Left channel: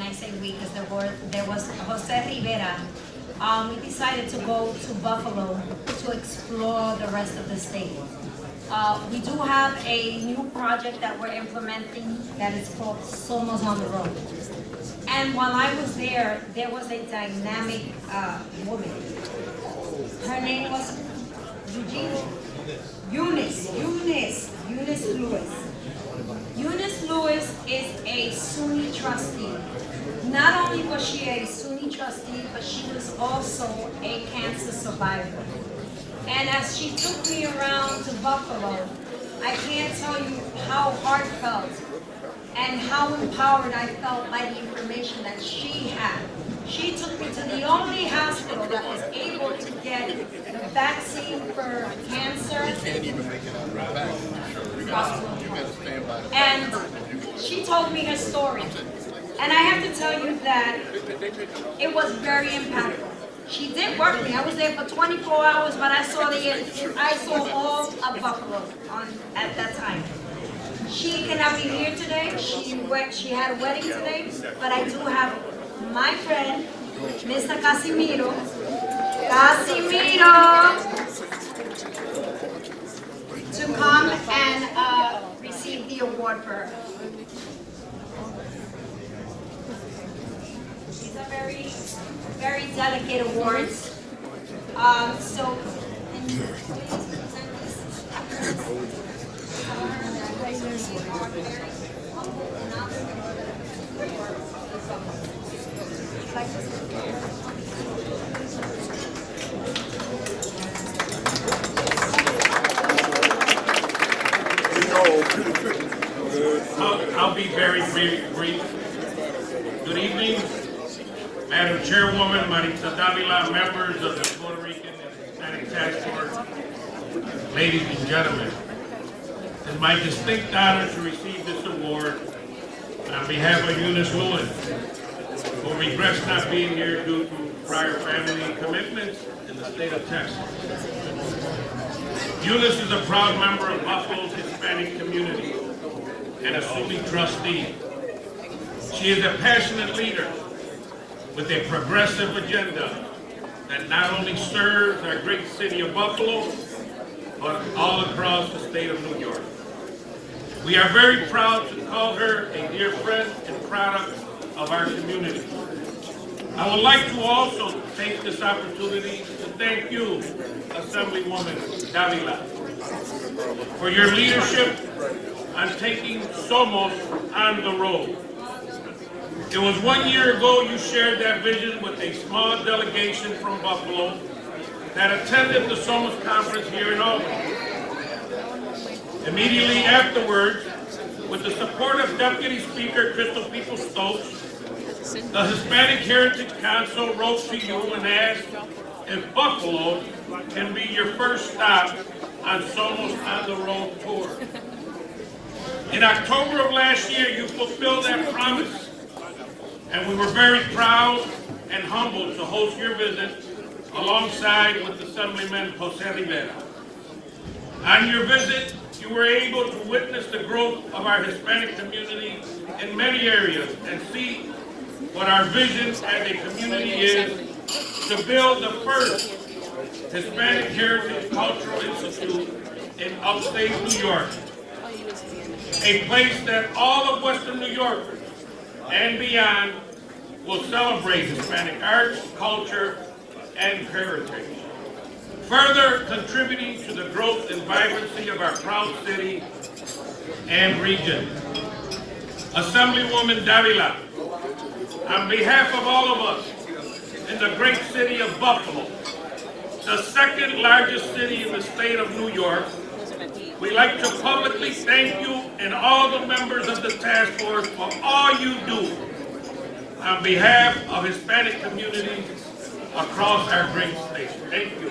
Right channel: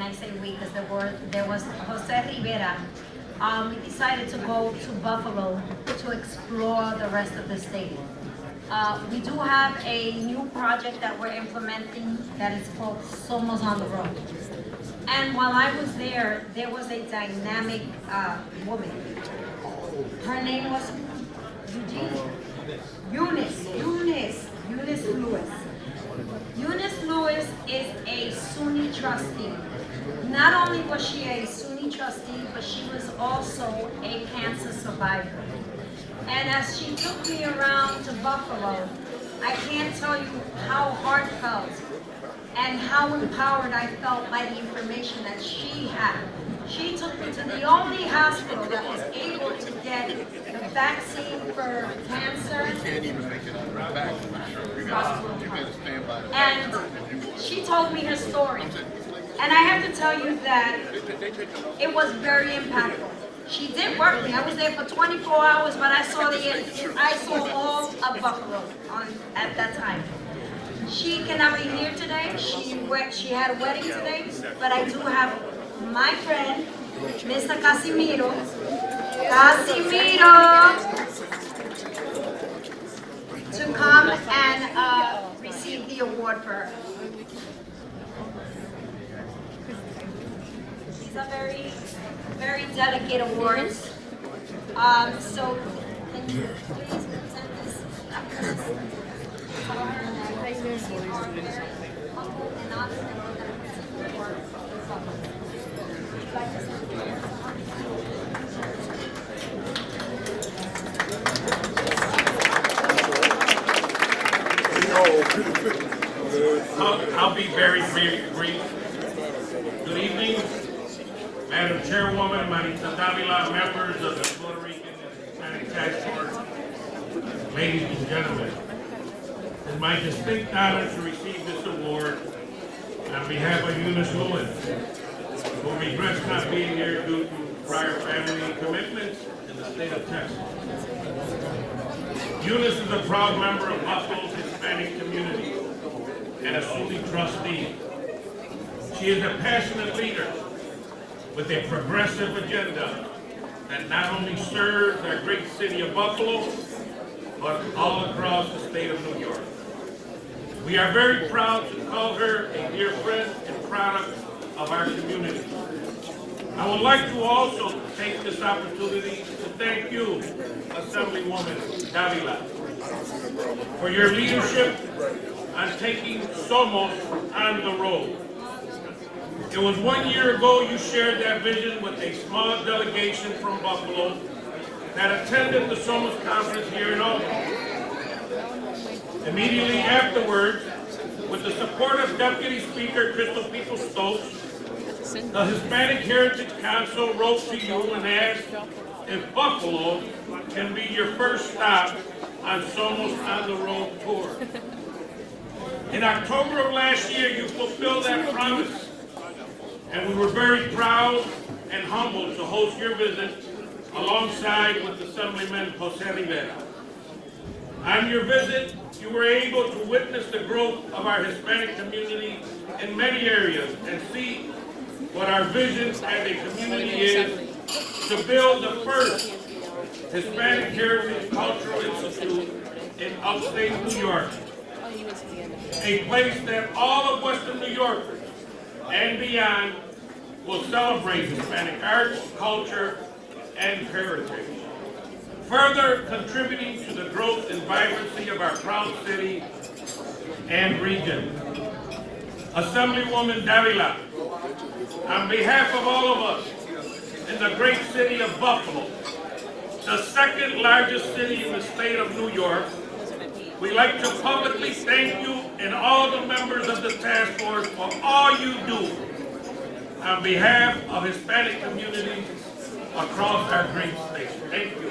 and I say we because there was Jose Rivera, we decided to go to Buffalo to explore the rest of the state. We do have a new project that we're implementing that is called SOMOS on the Road. And while I was there was a dynamic woman. Her name was Eunice Lewin. Eunice Lewis is a SUNY trustee. Not only was she a SUNY trustee, but she was also a cancer survivor. And as she took me around to Buffalo, I can't tell you how heartfelt and how empowered I felt by the information that she had. She took me to the only hospital that was able to get the vaccine for cancer. And she told me her story. And I have to tell you that it was very impactful. She did work me. I was there for 24 hours, but I saw all of Buffalo at that time. She cannot be here today. She had a wedding today, but I do have my friend, Mr. Casimiro, to come and receive the award for her. These are very, very delicate awards. So can you please present this for her that you are very humble and honored like this. I'll be very brief. Good evening, Madam Chairwoman, Maritza, Davila, members of the Puerto Rican and Hispanic Task Force, ladies and gentlemen. It's my distinct honor to receive this award on behalf of Eunice Lewin, who regrets not being here due to prior family commitments in the state of Texas. Eunice is a proud member of Buffalo's Hispanic community and a SUNY trustee. She is a passionate leader with a progressive agenda that not only serves our great city of Buffalo, but all across the state of New York. We are very proud to call her a dear friend and product of our community. I would like to also take this opportunity to thank you, Assemblywoman Davila, for your leadership on taking SOMOS on the road. It was 1 year ago you shared that vision with a small delegation from Buffalo that attended the SOMOS conference here in Albany. Immediately afterwards, with the support of Deputy Speaker Crystal Stokes, the Hispanic Heritage Council wrote to you and asked if Buffalo can be your first stop on SOMOS on the Road tour. In October of last year, you fulfilled that promise, and we were very proud and humbled to host your visit alongside with Assemblyman Jose Rivera. On your visit, you were able to witness the growth of our Hispanic community in many areas and see what our vision as a community is to build the first Hispanic Heritage Cultural Institute in upstate New York, a place that all of Western New York and beyond will celebrate Hispanic arts, culture, and heritage, further contributing to the growth and vibrancy of our proud city and region. Assemblywoman Davila, on behalf of all of us in the great city of Buffalo, the second largest city in the state of New York, we'd like to publicly thank you and all the members of the task force for all you do on behalf of Hispanic communities across our great state. Thank you.